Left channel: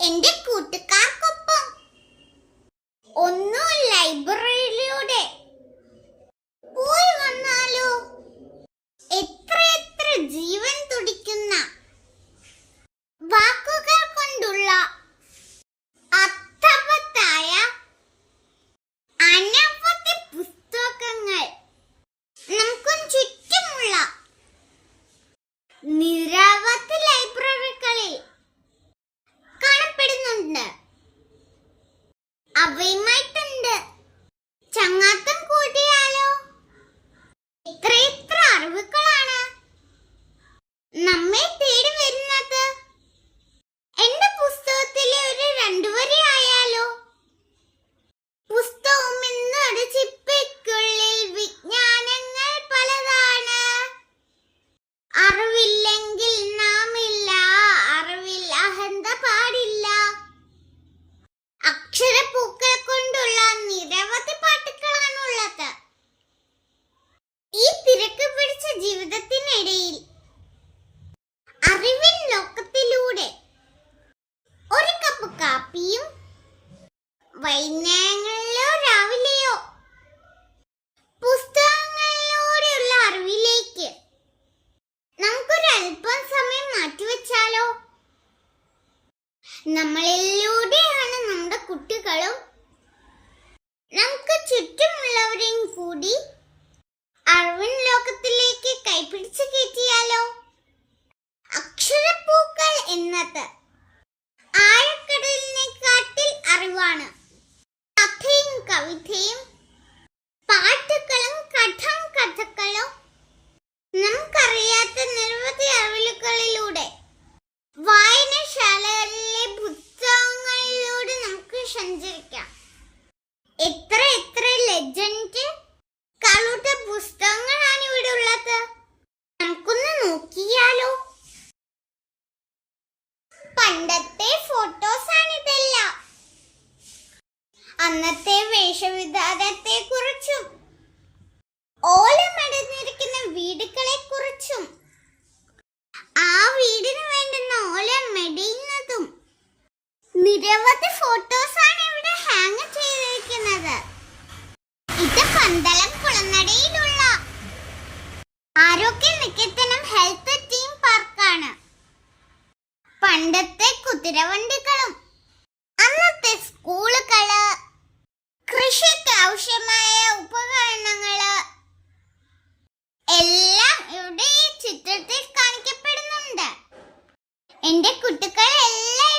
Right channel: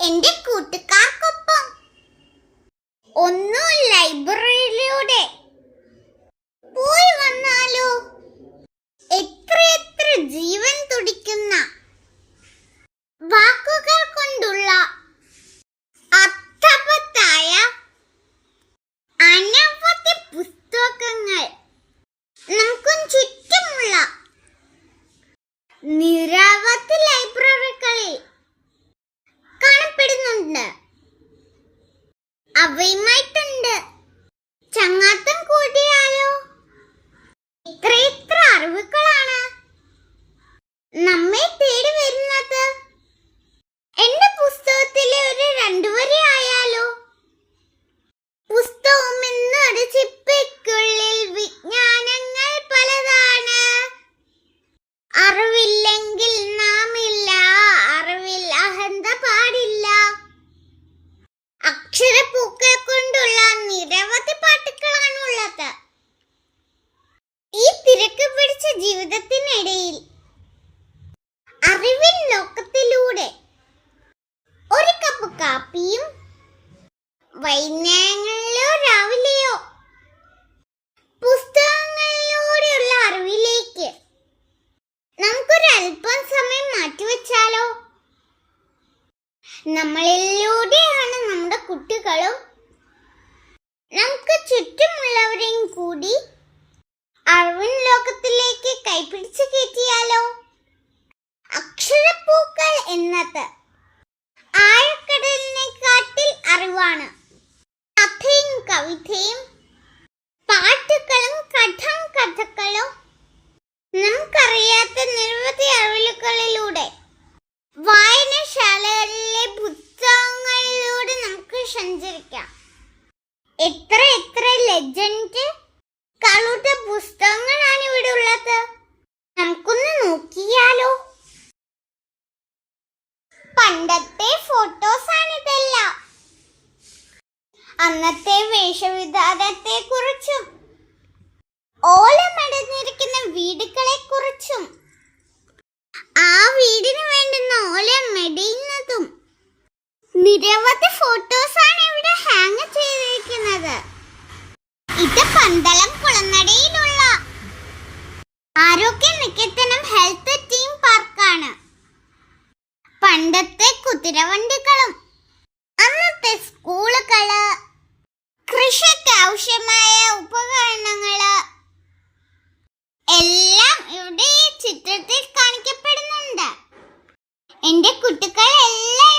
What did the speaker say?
എന്റെ കൂട്ടുകാർക്കൊപ്പം ഒന്നു ലൈബ്രറിയിലൂടെ പോയി വന്നാലോ? എത്രയെത്ര ജീവൻ തുടിക്കുന്ന വാക്കുകൾ കൊണ്ടുള്ള അർത്ഥവത്തായ അനവധി പുസ്തകങ്ങൾ നമുക്കും ചുറ്റുമുള്ള നിരവധി ലൈബ്രറികളിൽ കാണപ്പെടുന്നുണ്ട്. അവയുമായിട്ടുണ്ട് ചങ്ങാത്തം കൂടിയാലോ? എത്രയെത്ര അറിവുകളാണ് നമ്മെ തേടി വരുന്നത്. എന്റെ പുസ്തകത്തിലെ ഒരു 2 വരി ആയാലോ? പുസ്തകം എന്നൊരു ചിപ്പിക്കുള്ളിൽ വിജ്ഞാനങ്ങൾ പലതാണ്. അറിവില്ലെങ്കിൽ നാമില്ല, അറിവിൽ അഹന്ത പാടില്ല. അക്ഷരപ്പൂക്കൾ കൊണ്ടുള്ള നിരവധി പാട്ടുകളാണുള്ളത്. ഈ തിരക്ക് പിടിച്ച ജീവിതത്തിനിടയിൽ അറിവിൻ ലോകത്തിലൂടെ ഒരു കപ്പ് കാപ്പിയും വൈകുന്നേരങ്ങളിലോ രാവിലെയോ പുസ്തകങ്ങളിലൂടെയുള്ള അറിവിലേക്ക് നമുക്കൊരല്പം സമയം മാറ്റിവെച്ചാലോ? നമ്മളിലൂടെയാണ് നമ്മുടെ കുട്ടികളും നമുക്ക് ചുറ്റുമുള്ളവരെയും കൂടി അറിവിൻ ലോകത്തിലേക്ക് കൈപിടിച്ച് കയറ്റിയാലോ? അക്ഷരപ്പൂക്കൾ എന്നത് ആഴക്കടലിനെക്കാട്ടിൽ അറിവാണ്. കഥയും കവിതയും പാട്ടുകളും കഥകളും നമുക്കറിയാത്ത നിരവധി അറിവുകളിലൂടെ വായനശാലകളിലെ പുസ്തകങ്ങളിലൂടെ നമുക്ക് സഞ്ചരിക്കാം. എത്ര ലെജൻഡ് കളുടെ പുസ്തകങ്ങളാണ് ഇവിടെ ഉള്ളത്. നമുക്കൊന്ന് നോക്കിയാലോ? പണ്ടത്തെ ഫോട്ടോസാണിതെല്ലാം. അന്നത്തെ വേഷവിധാനത്തെ കുറിച്ചും ഓലമടഞ്ഞിരിക്കുന്ന വീടുകളെ കുറിച്ചും ആ വീടിന് വേണ്ടുന്ന ഓല മെടയുന്നതും നിരവധി ഫോട്ടോസാണ് ഇവിടെ ഹാങ് ചെയ്തിരിക്കുന്നത്. ഇത് പന്തളം കുളനടയിലുള്ള ആരോഗ്യ നികേതനം ഹെൽത്ത് തീം പാർക്കാണ്. പണ്ടത്തെ കുതിരവണ്ടികളും അന്നത്തെ സ്കൂളുകള്, കൃഷിക്ക് ആവശ്യമായ ഉപകരണങ്ങള് എല്ലാം ഇവിടെ ഈ ചിത്രത്തിൽ കാണിക്കപ്പെടുന്നുണ്ട്. എന്റെ കുട്ടികളെല്ലാം